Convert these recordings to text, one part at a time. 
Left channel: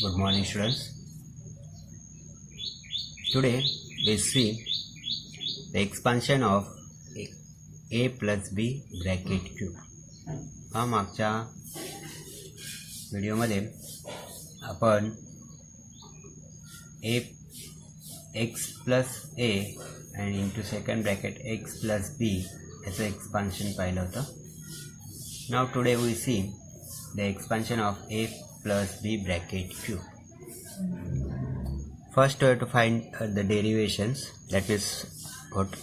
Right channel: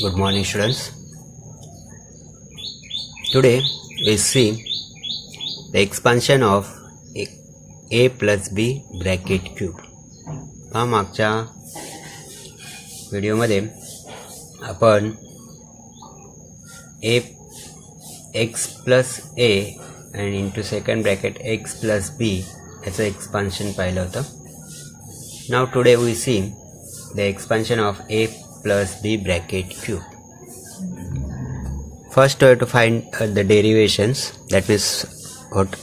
Good morning, students. Today we see the expansion of a plus b bracket cube. मागच्या व्हिडिओमध्ये आपण a x plus a and into second bracket x plus b याचं expansion पाहिलं होतं. Now today we see the expansion of a plus b bracket cube. First we have to find the derivations, that means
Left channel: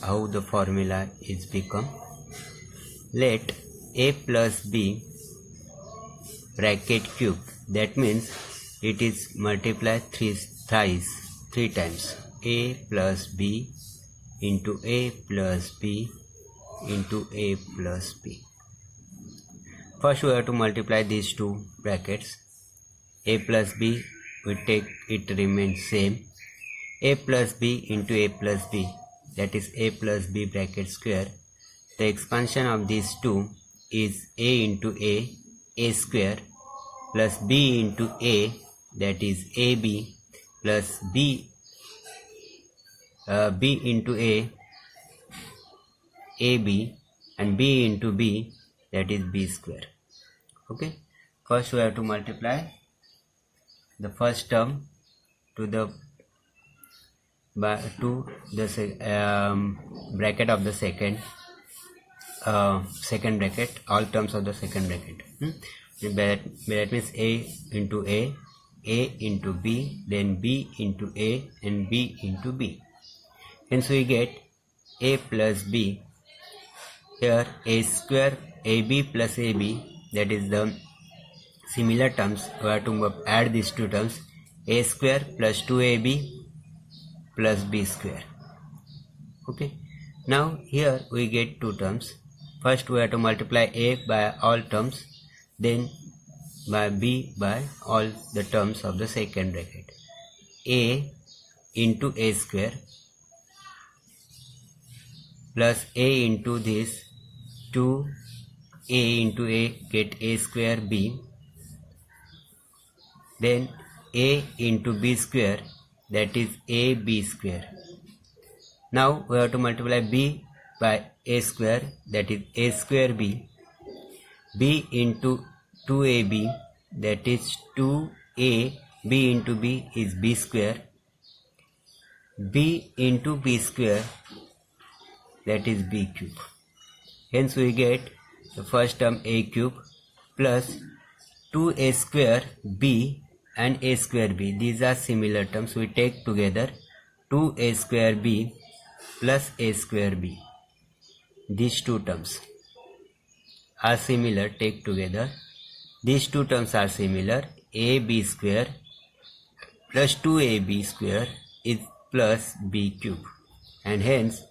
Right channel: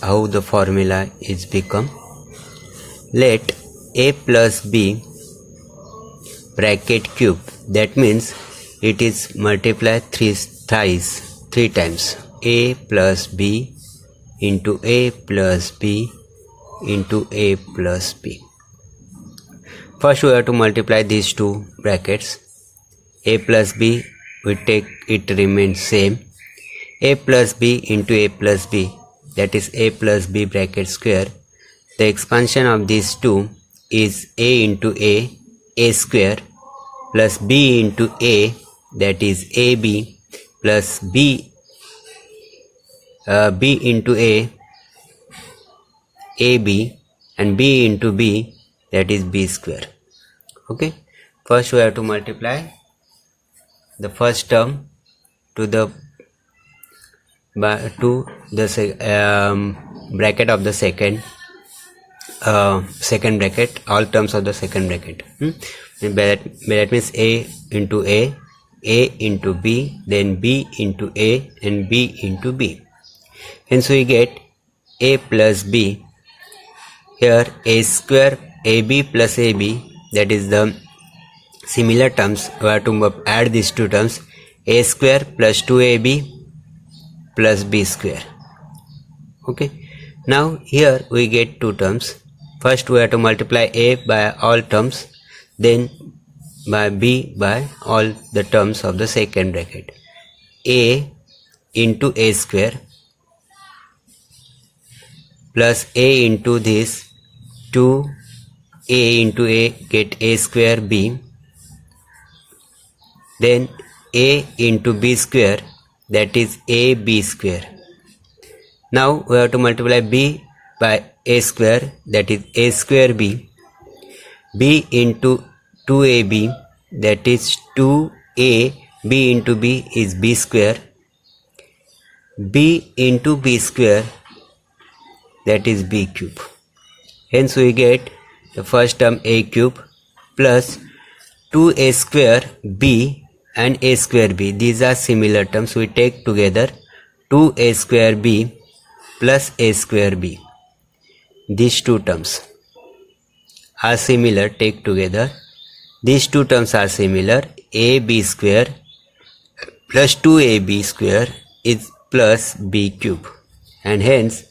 how the formula is become. Let a plus b bracket cube, that means it is multiplied three times. A plus b into a plus b into a plus b. First we have to multiply these two brackets. A plus b, we take it remains same. A plus b into a plus b, that is a plus b bracket square. The expansion of these two is a into a square, plus b into a, that is ab, plus b into ab, and b into b, that is b square. Okay, first we have to multiply the first term to the bracket of the second bracket, all terms of the second bracket. That means a into a into b, then b into a, and b into b. Hence we get a plus b. Here a square ab plus ab, that is the similar terms. We have to add these two terms, a square plus 2ab plus b square. Okay, now here we get two terms. First we have to multiply a by all terms, then by b by all the terms of the second bracket. A into a square plus a into this 2a into a, get a square b, then a into b square, that is ab square. Now we have to multiply b by a square, that is a square b. B into 2ab, that is 2a, b into b is b square. B into b square, that is b cube. Hence we get the first term a cube plus 2a square b and a square b. These are similar terms. We take together 2a square b plus a square b. These two terms are similar. Take together. These two terms are similar. ab square plus 2ab square is plus b cube. And hence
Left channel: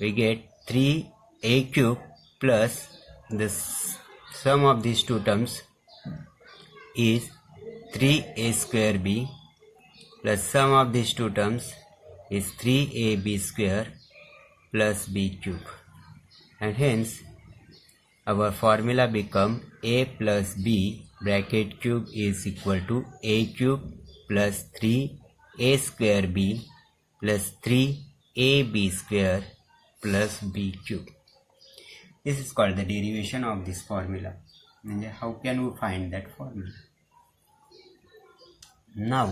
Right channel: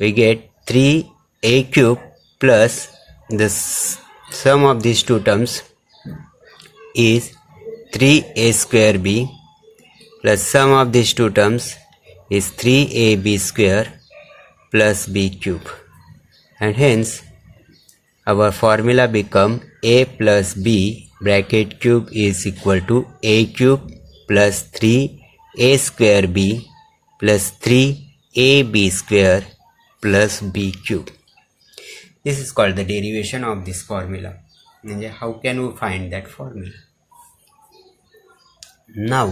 we get 3a cube plus the sum of these two terms is 3a square b plus sum of these two terms is 3ab square plus b cube. And hence our formula become a plus b bracket cube is equal to a cube plus 3a square b plus 3ab square plus b cube. This is called the derivation of this formula. How can we find that formula? Now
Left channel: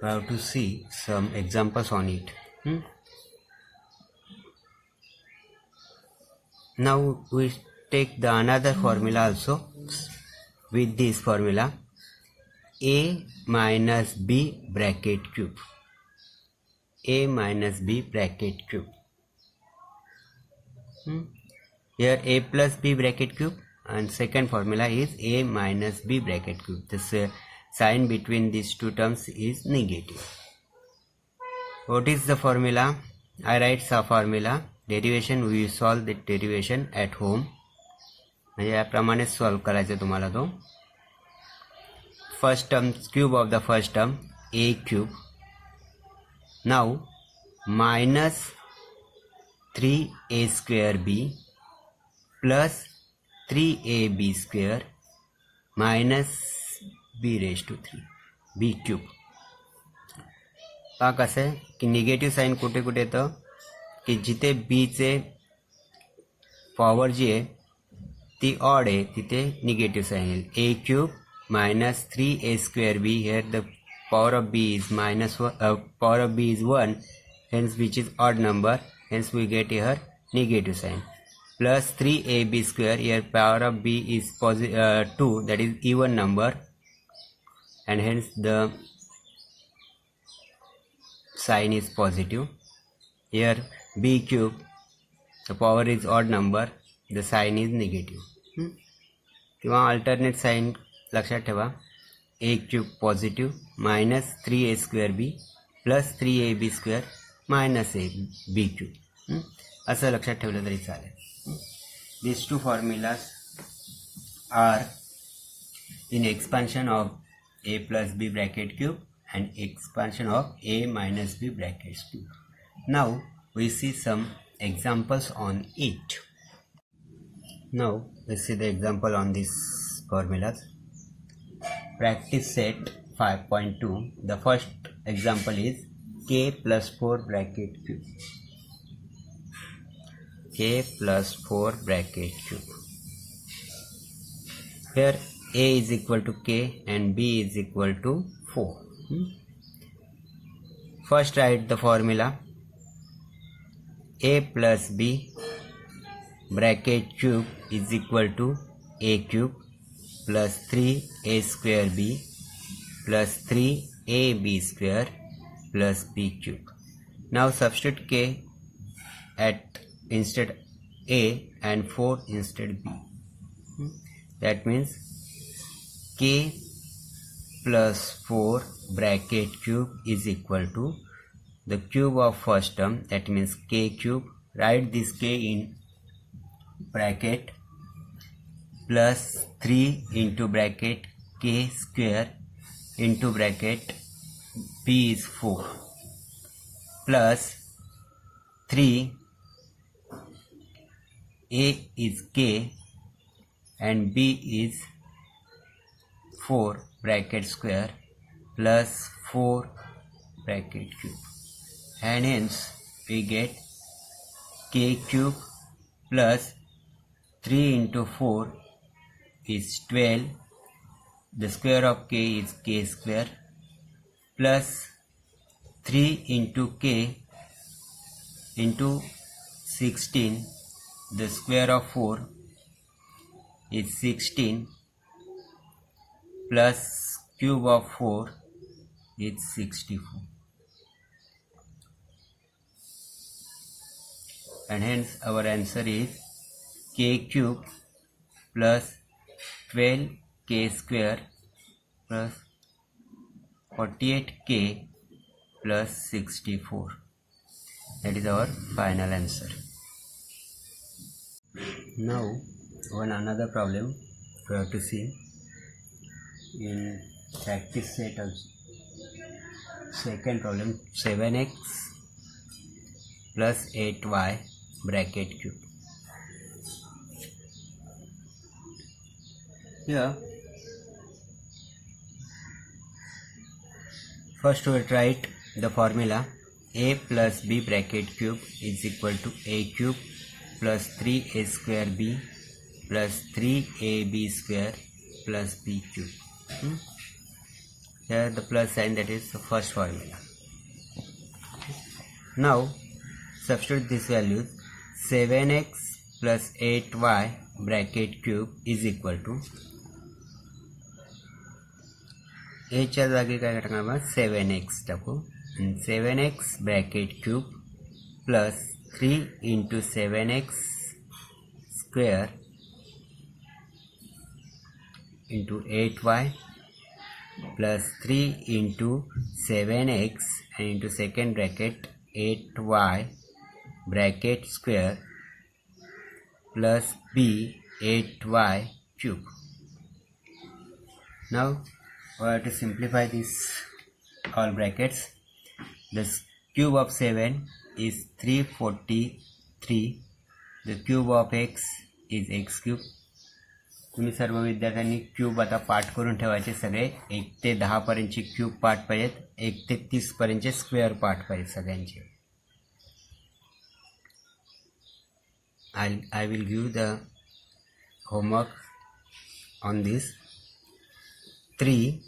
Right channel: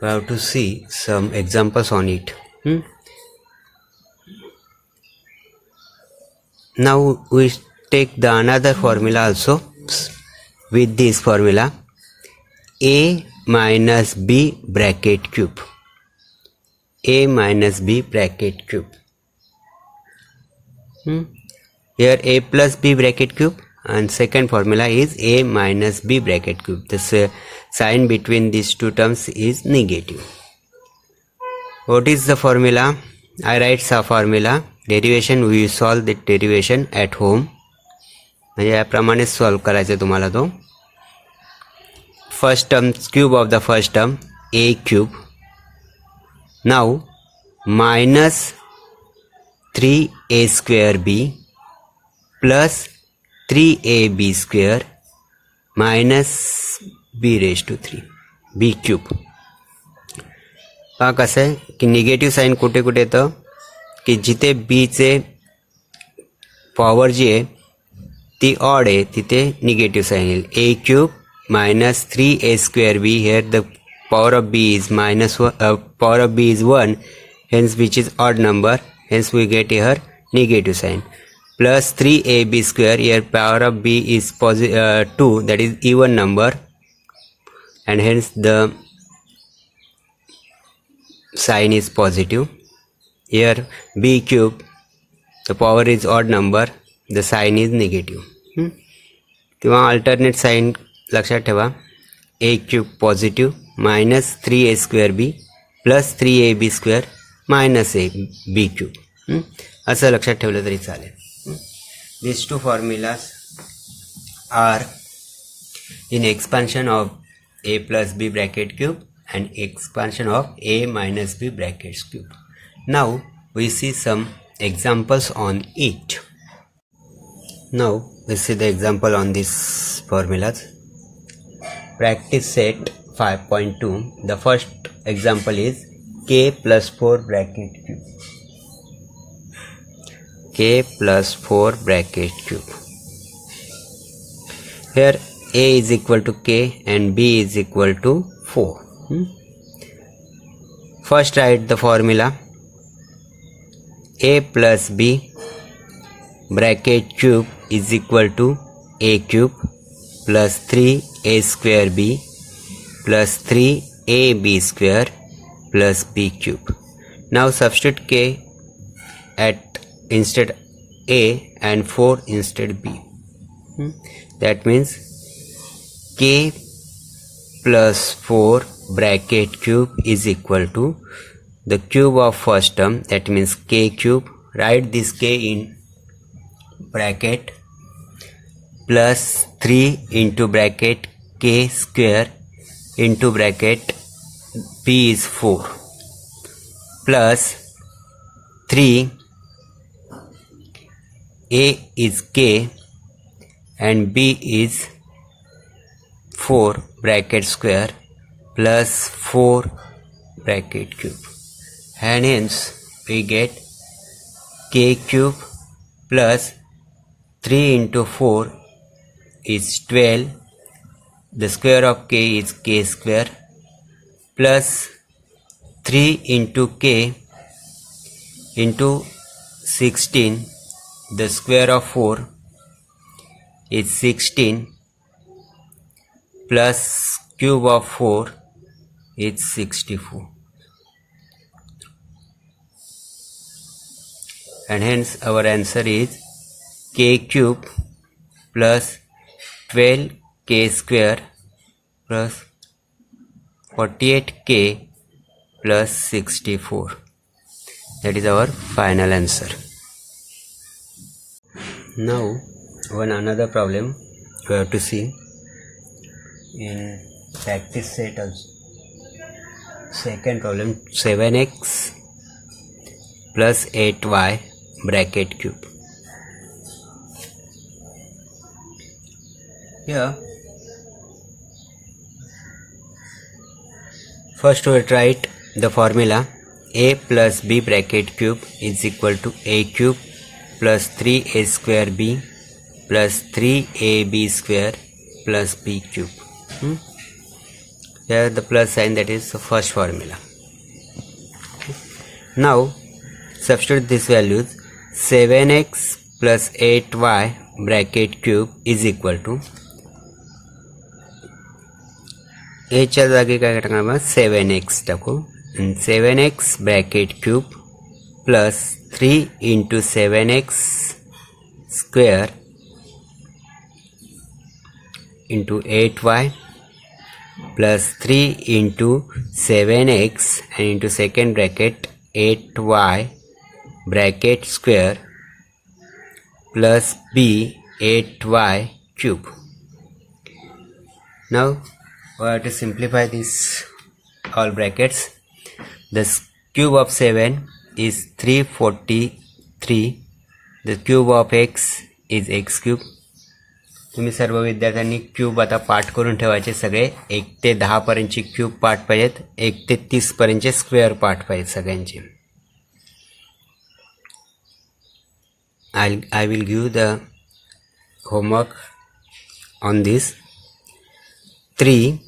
we have to see some examples on it. Now we take the another formula also with this formula, a minus b bracket cube. A minus b bracket cube. Here a plus b bracket cube, and second formula is a minus b bracket cube. The sign between these two terms is negative. What is the formula? I write the formula. Derivation, we solve the derivation at home. याप्रमाणे solve करायचं तुम्हाला तो. First term, cube of the first term, a cube. Now minus 3a square b plus 3ab square minus B raise to 3 B cube. पहा कसं आहे की negative sign कुठे कुठे येतं की जिथे बीचे पॉवर जी आहे ती ऑड आहे तिथे निगेटिव्ह साईन येईल. A cube minus 3a² B. Here the power of b is power of b is 1, hence which is odd number, hence we get here negative sign. Plus 3ab square, here power of b is 2, that is even number, and hence the sign is positive. Here b cube, the power is odd number, the sign is negative. तेव्हा alternate sign लक्षात ठेवा. A cube positive minus 3a² B plus 3ab² minus A B cube. असं लक्षात ठेवलं तरी चालेल. This two formulas are in expansion of A plus B bracket cube and expansion of A minus B brackets cube. Now we see some examples on it. Now we see the example on these formulas. Practice set 5.2. The first example is k plus 4 bracket cube. K plus 4 bracket cube. Here a is equal to k and b is equal to 4. First write the formula. A plus b bracket cube is equal to a cube plus 3a² b plus 3ab square plus b cube. Now substitute k at instead a and 4 instead b. That means k plus 4 bracket cube is equal to the cube of first term, that means k cube. Write this k in bracket plus 3 into bracket k square into bracket b is 4 plus 3 a is k and b is 4 bracket square plus 4 bracket cube, and hence we get k cube plus 3 into 4 is 12. The square of k is k square plus 3 into k into 16. The square of 4 is 16 plus cube of 4 is 64. And hence our answer is k cube plus 12k square plus 48k plus 64. That is our final answer. Now one another problem we have to see in practice set also. Second problem, 7x plus 8y bracket cube. Here first we write the formula. A plus b bracket cube is equal to a cube plus 3a² b plus 3ab square plus b cube. Here the plus sign, that is the first formula. Now substitute these values. 7x plus 8y bracket cube is equal to a च्या जागी काय टाकणार आपण 7x टाकू. 7x bracket cube plus 3 into 7x square into 8y plus 3 into 7x and into second bracket 8y bracket square plus b 8y cube. Now we have to simplify this all brackets. The cube of 7 is 343. The cube of x is x cube तुम्ही सर्व विद्यार्थ्यांनी cube आता पाठ करून ठेवायचे सगळे. 1 ते 10 पर्यंतचे cube पाठ पाहिजेत, 1 ते 30 पर्यंतचे स्क्वेअर पाठ पाहिजेत सगळ्यांचे. I will give the homework on this. 3.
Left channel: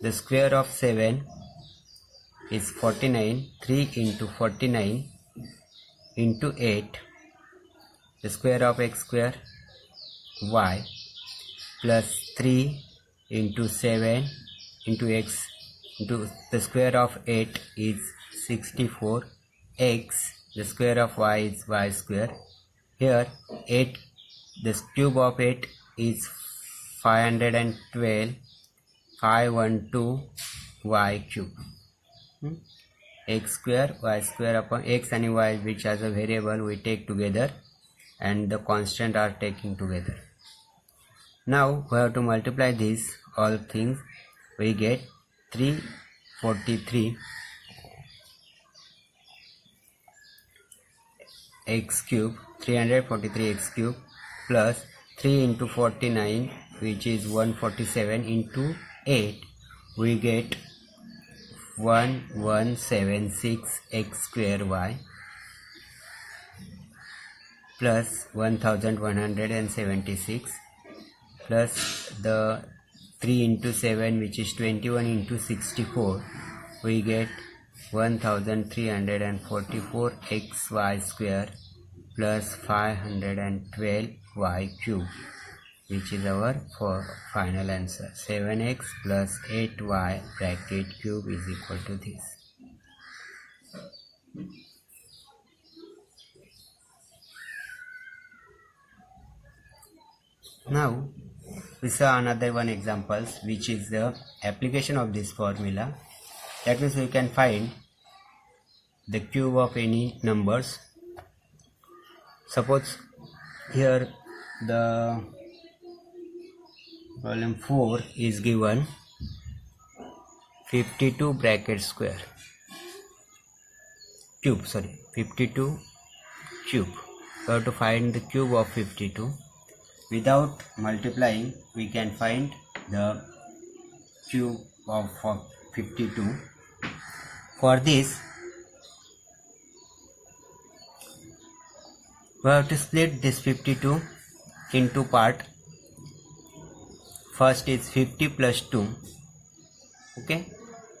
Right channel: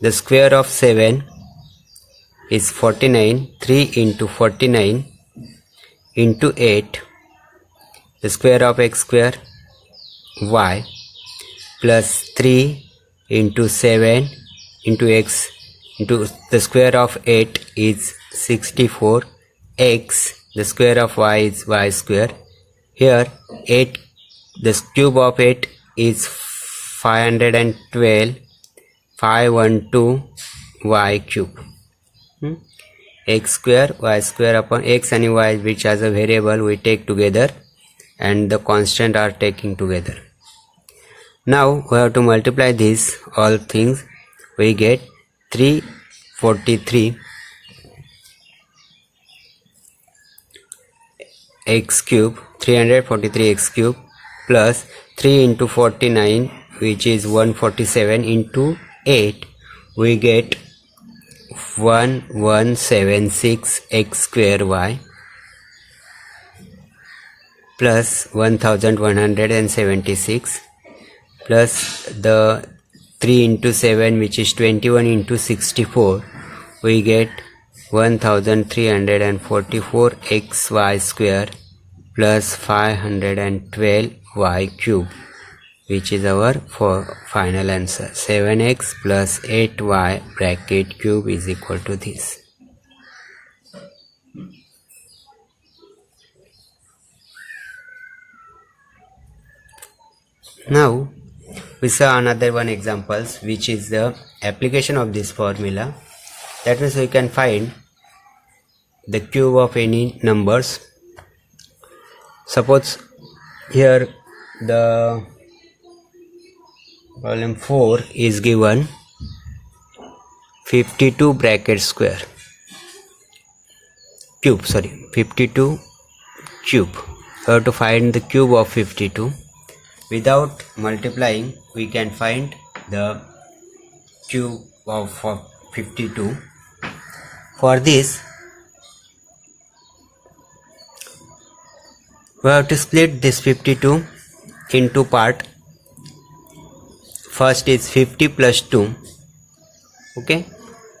The square of 7 is 49. 3 into 49 into 8. The square of x square y plus 3 into 7 into x into the square of 8 is 64. X, the square of y is y square. Here 8, the cube of 8 is 512. 512 y cube. X square y square upon x and y, which as a variable we take together, and the constant are taking together. Now we have to multiply these all things. We get 343 x cube, 343 x cube plus 3 into 49, which is 147, into 8, we get 1176 x square y plus 1176 plus the 3 into 7, which is 21, into 64, we get 1344 xy square plus 512 y cube, which is our final answer. 7x plus 8y bracket cube is equal to this. Now we saw another one examples, which is the application of this formula. That means we can find the cube of any numbers. Suppose here the problem 4 is given 52 bracket square cube, 52 cube. We have to find the cube of 52. Without multiplying, we can find the cube of 52. For this, we have to split this 52 into part. First is 50 plus 2, okay,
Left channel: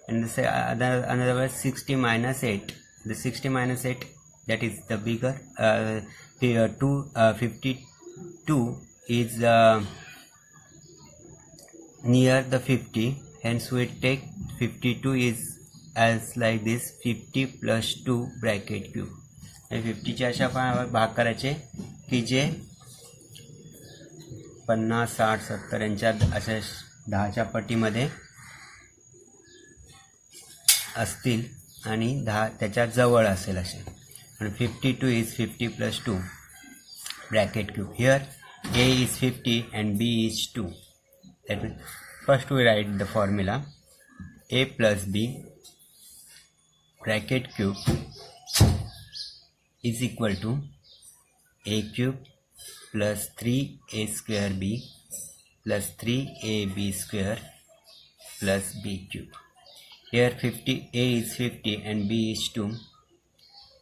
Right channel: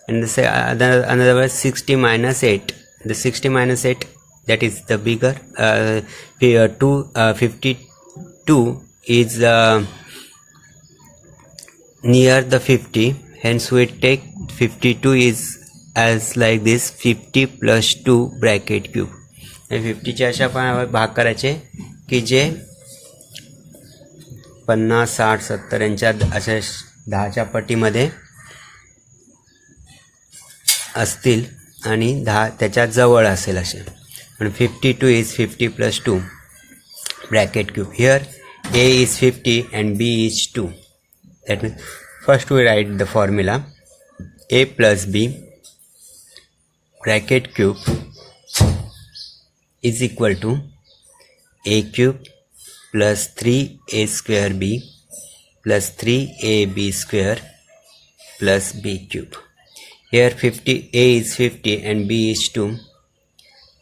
and this another was 60 minus 8. The 60 minus 8, that is the bigger. 52 is near the 50, hence we take 52 is as like this, 50 plus 2 bracket cube. आणि 50चे अशा पण भाग करायचे की जे 50, 60, 70 यांच्या अशा 10च्या पटीमध्ये असतील आणि 10 त्याच्या जवळ असेल असे. पण 52 is 50 plus 2 bracket cube. Here a is 50 and b is 2. That means first we write the formula a plus b bracket cube is equal to a cube plus 3a square b plus 3ab square plus b cube. Here 50, a is 50 and b is 2.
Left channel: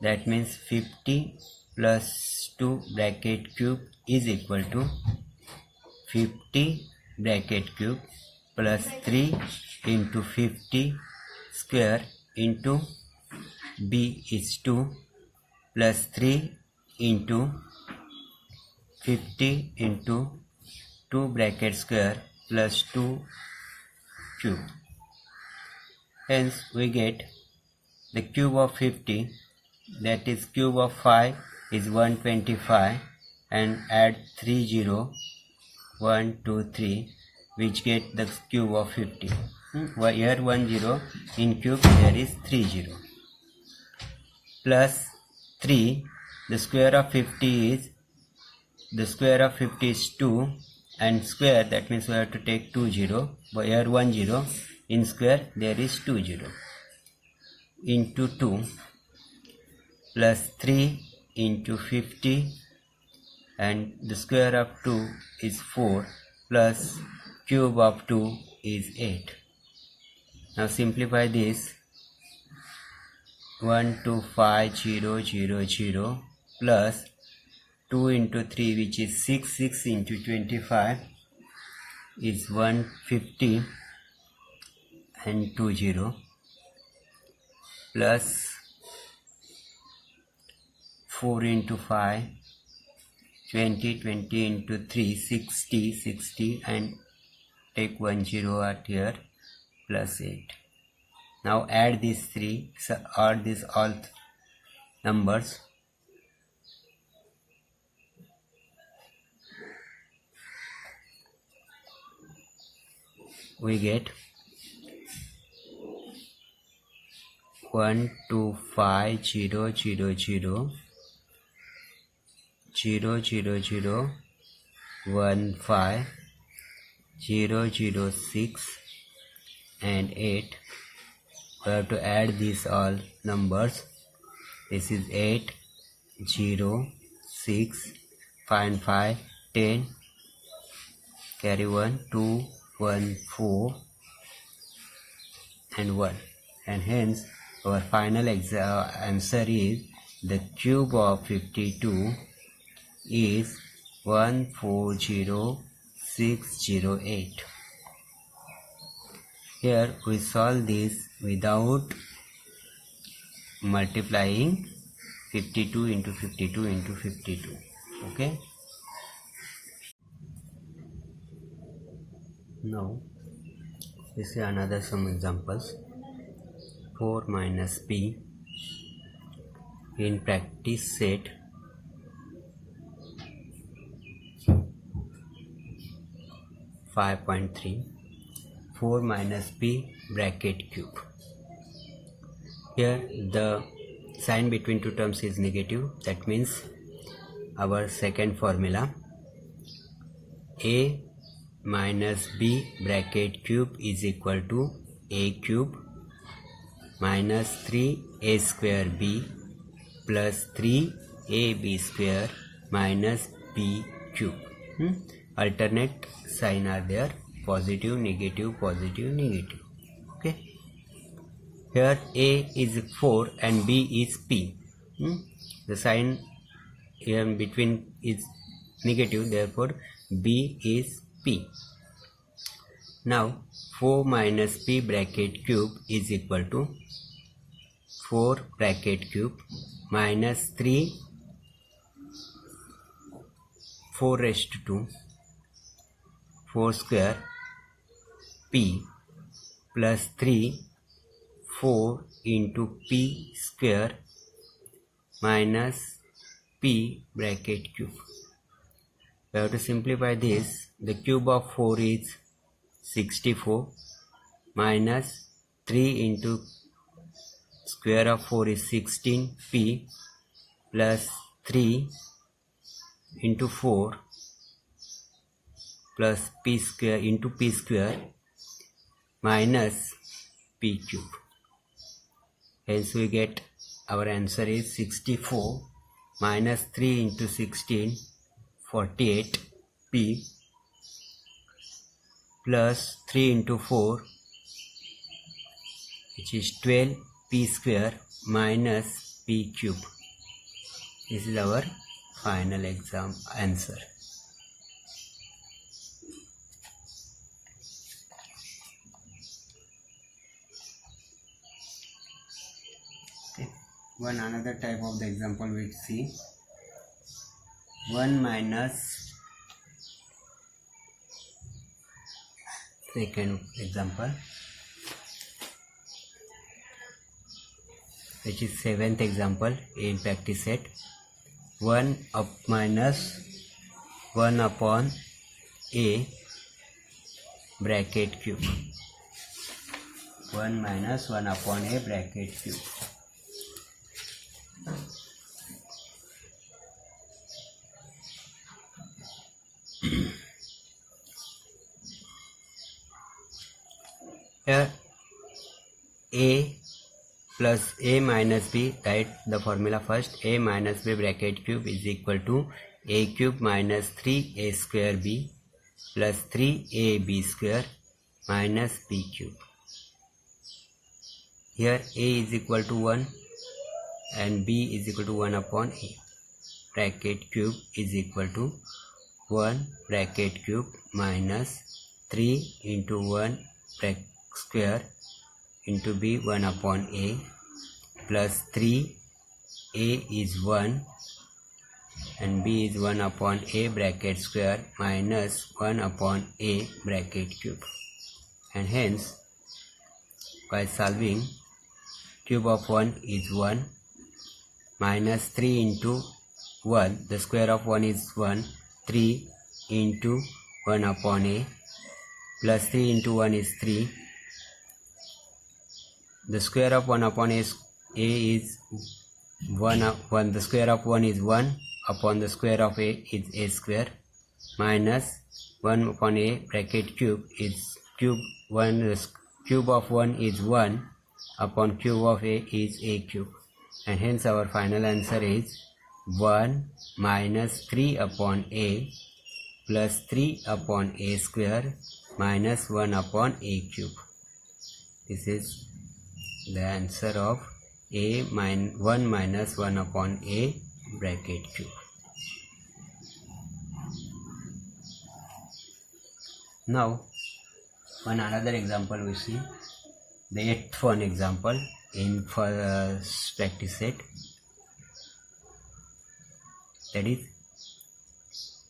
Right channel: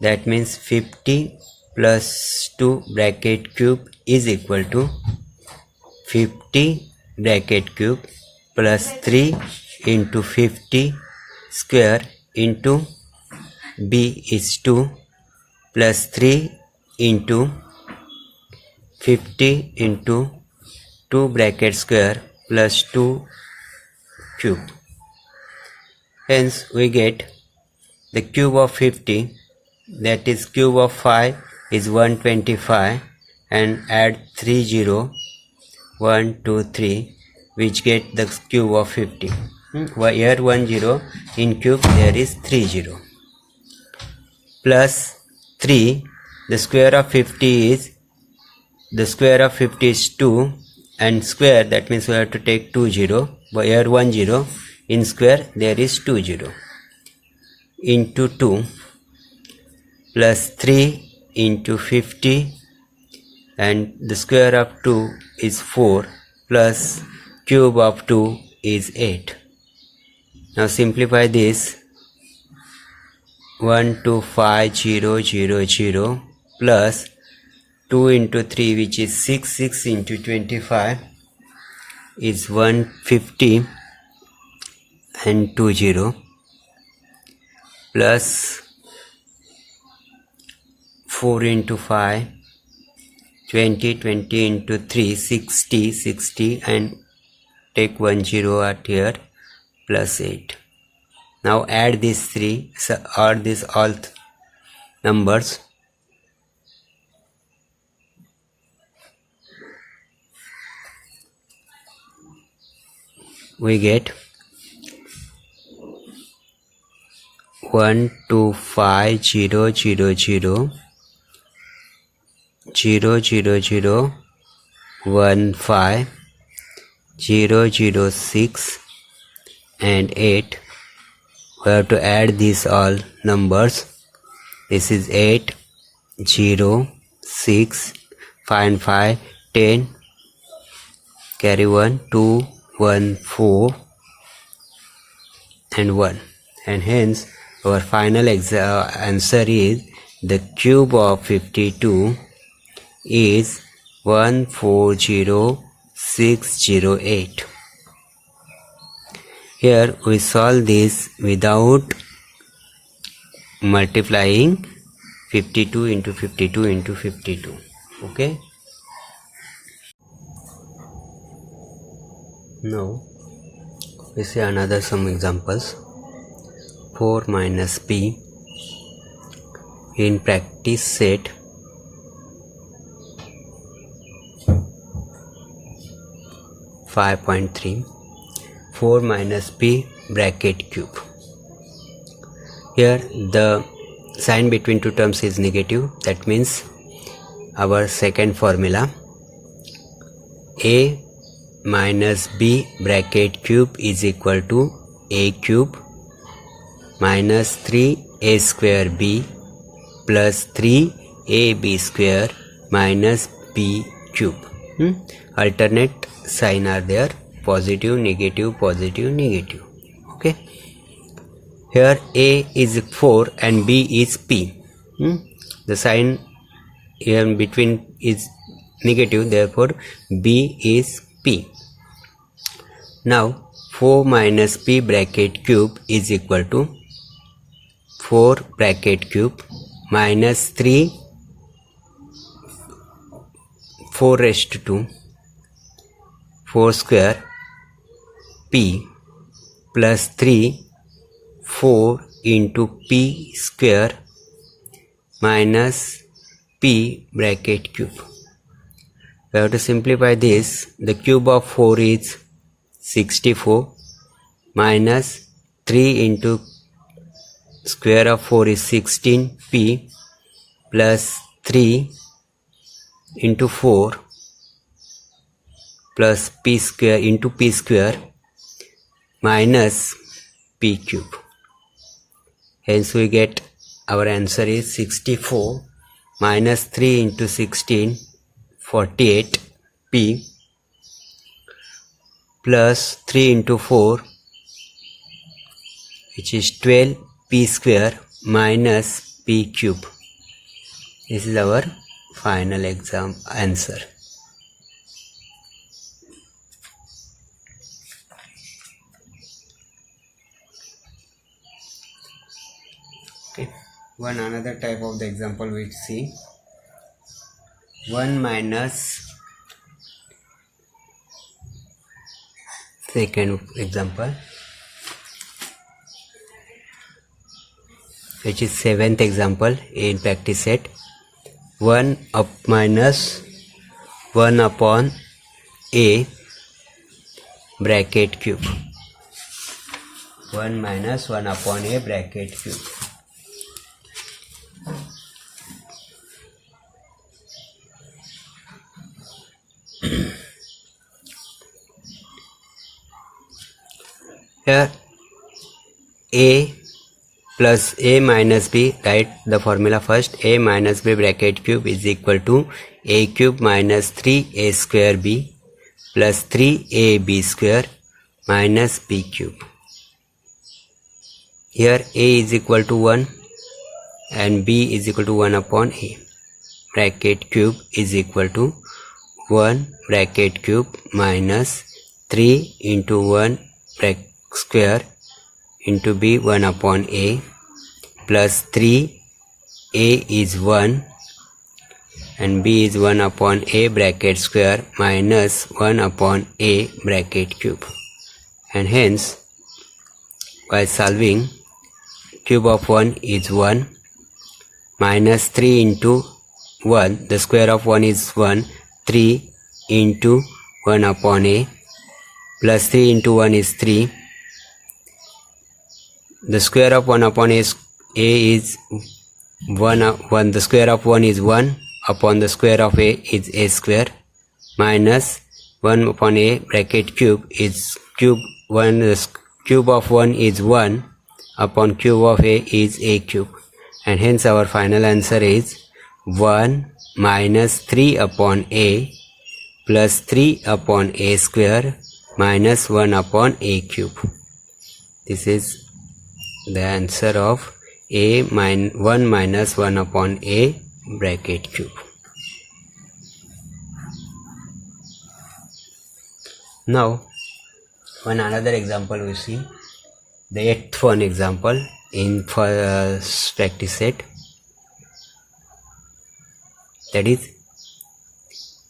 That means 50 plus 2 bracket cube is equal to 50 bracket cube plus 3 into 50 square into b is 2 plus 3 into 50 into 2 bracket square plus 2 cube. Hence we get the cube of 50, that is cube of 5 is 125, and add 3 0, 1 2 3, which get the cube of 50. Here 1 0, in cube there is 3 0 plus 3. The square of 50 is, the square of 50 is 2, and square, that means we have to take 2 0, but here 1 0, in square there is 2 0, into 2 plus 3 into 50, and the square of 2 is 4 plus cube of 2 is 8. Now simplify this. 125,000 plus 2 into 3, which is 6, 6 into 25 is 150 and 20 plus 4 into 5 20, 20 into 3 60, 60 and take 1 0 at here plus 8. Now add these three, add these all numbers. We get 125,000 000 15 006 and 8. We have to add these all numbers. This is 8 0 6 5 and 5 10, carry 1 2 1 4 and 1, and hence our final answer is the cube of 52 is 140608. Here we solve this without multiplying 52 into 52 into 52. Okay. Now we see another some examples. 4 minus p in practice set 5.3. 4 minus p bracket cube. Here the sign between two terms is negative. That means our second formula, a minus b bracket cube is equal to a cube minus 3a square b plus 3ab square minus b cube. Alternate sign are there, positive, negative, positive, negative. Okay. Here a is 4 and b is p. The sign here in between is negative, therefore b is p. Now 4 minus p bracket cube is equal to 4 bracket cube minus 3 4 raised to 2 4 square p plus 3 4 into p square minus p bracket cube. We have to simplify this. The cube of 4 is 64 minus 3 into square of 4 is 16p plus 3 into 4 plus p square into p square minus p cube. Hence we get our answer is 64 minus 3 into 16 48 p plus 3 into 4 which is 12 p square minus p cube. This is our final exam answer. Okay, one another type of the example we see. 1 minus, second example, which is 7th example in practice set. 1 up minus 1 upon a bracket cube. 1 minus 1 upon a bracket cube. Here a plus a minus b. Write the formula first. A minus b bracket cube is equal to a cube minus 3a square b plus 3ab square minus b cube. Here a is equal to 1 and b is equal to 1 upon a. Bracket cube is equal to 1 bracket cube minus 3 into 1 bracket square into b 1 upon a plus 3 a is 1 and b is 1 upon a bracket square minus 1 upon a bracket cube. And hence by solving, cube of 1 is 1 minus 3 into 1, the square of 1 is 1, 3 into 1 upon a plus 3 into 1 is 3. The square of 1 upon a is 1, the square of 1 is 1 upon the square of a is a square minus 1 upon a bracket cube is cube 1, the cube of 1 is 1 upon cube of a is a cube, and hence our final answer is 1 minus 3 upon a plus 3 upon a square minus 1 upon a cube. This is the answer of a 1 minus 1 upon a bracket cube. Now another example we see, the 8th one example in first practice set, that is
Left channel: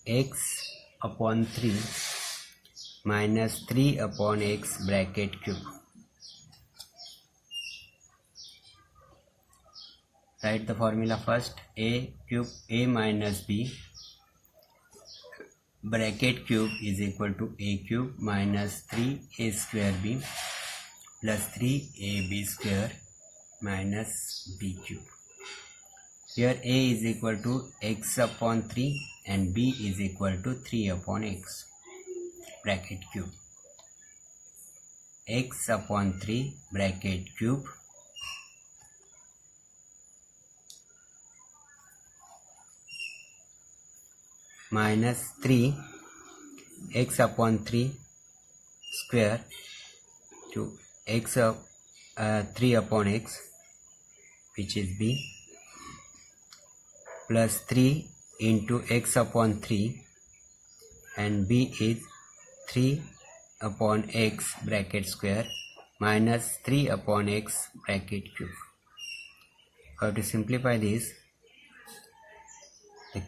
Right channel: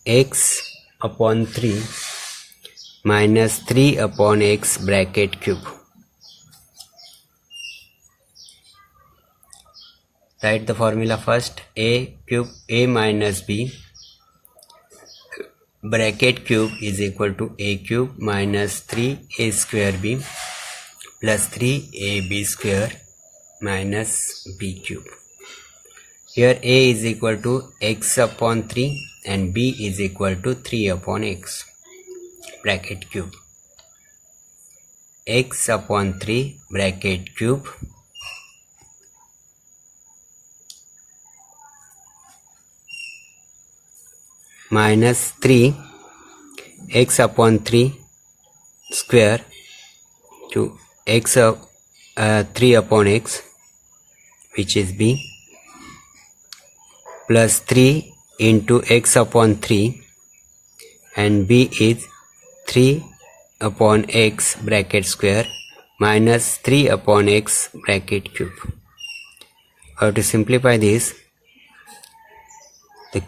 x upon 3 minus 3 upon x bracket cube. Write the formula first. A cube a minus b bracket cube is equal to a cube minus 3a square b plus 3ab square minus b cube. Here a is equal to x upon 3 and b is equal to 3 upon x bracket cube. X upon 3 bracket cube minus 3 x upon 3 square to x 3 upon x, which is b, plus 3 into x upon 3 and b is 3 upon x bracket square minus 3 upon x bracket cube. How to simplify this? The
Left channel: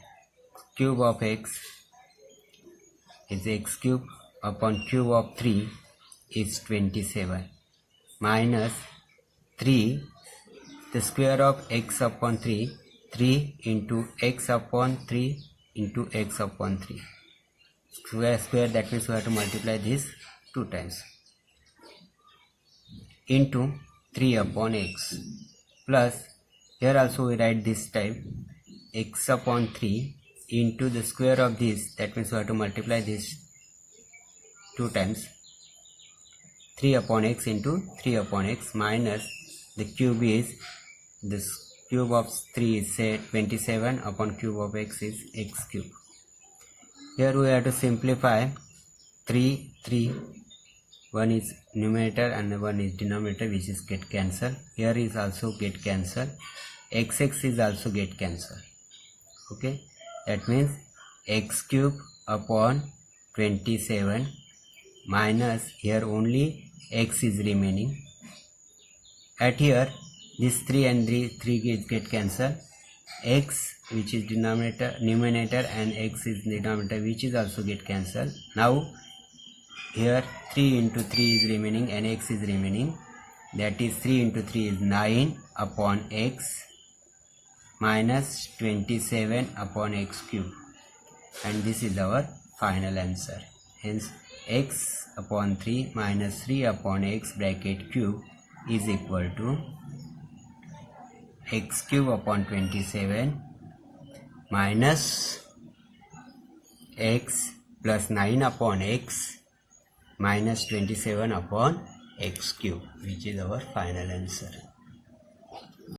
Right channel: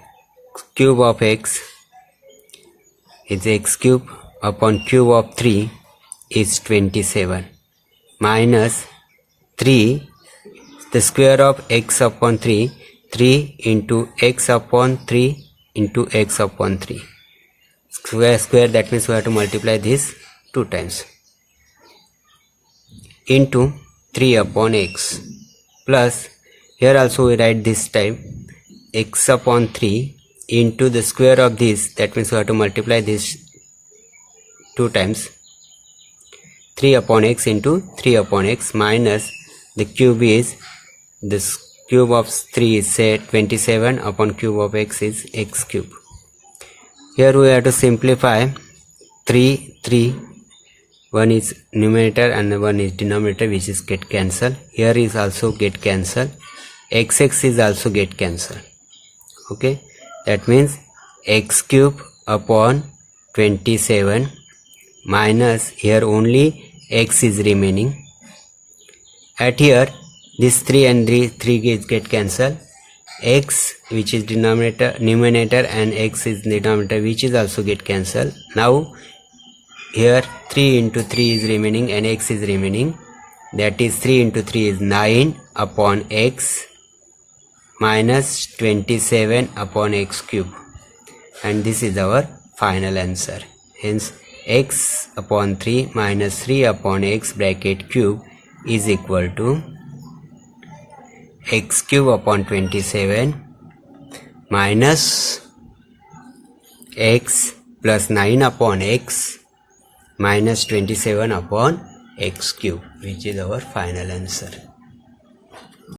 cube of x is x cube upon cube of 3 is 27 minus 3, the square of x upon 3, 3 into x upon 3 into x upon 3 square, that means we have to multiply this 2 times, into 3 upon x plus, here also we write this type, x upon 3 into the square of this, that means we have to multiply this 2 times, 3 upon x into 3 upon x minus the cube is, this cube of 3 is say 27 upon cube of x is x cube. Here we have to simplify 3, 1 is numerator and 1 is denominator, which is get cancelled. Here is also get cancelled, xx is also get cancelled. Okay, that means x cube upon 27 minus, here only x is remaining. At here this 3 and 3 get cancelled, x which is numerator and x is denominator, which is also get cancelled. Now here 3 into 3 is remaining and x is remaining, that is 3 into 3 is 9 upon x minus 27 upon x cube, and this is our final answer. Hence x upon 3 minus 3 upon x bracket cube is equal to x cube upon 27 minus x plus 9 upon x minus 27 upon x cube, which is our final answer.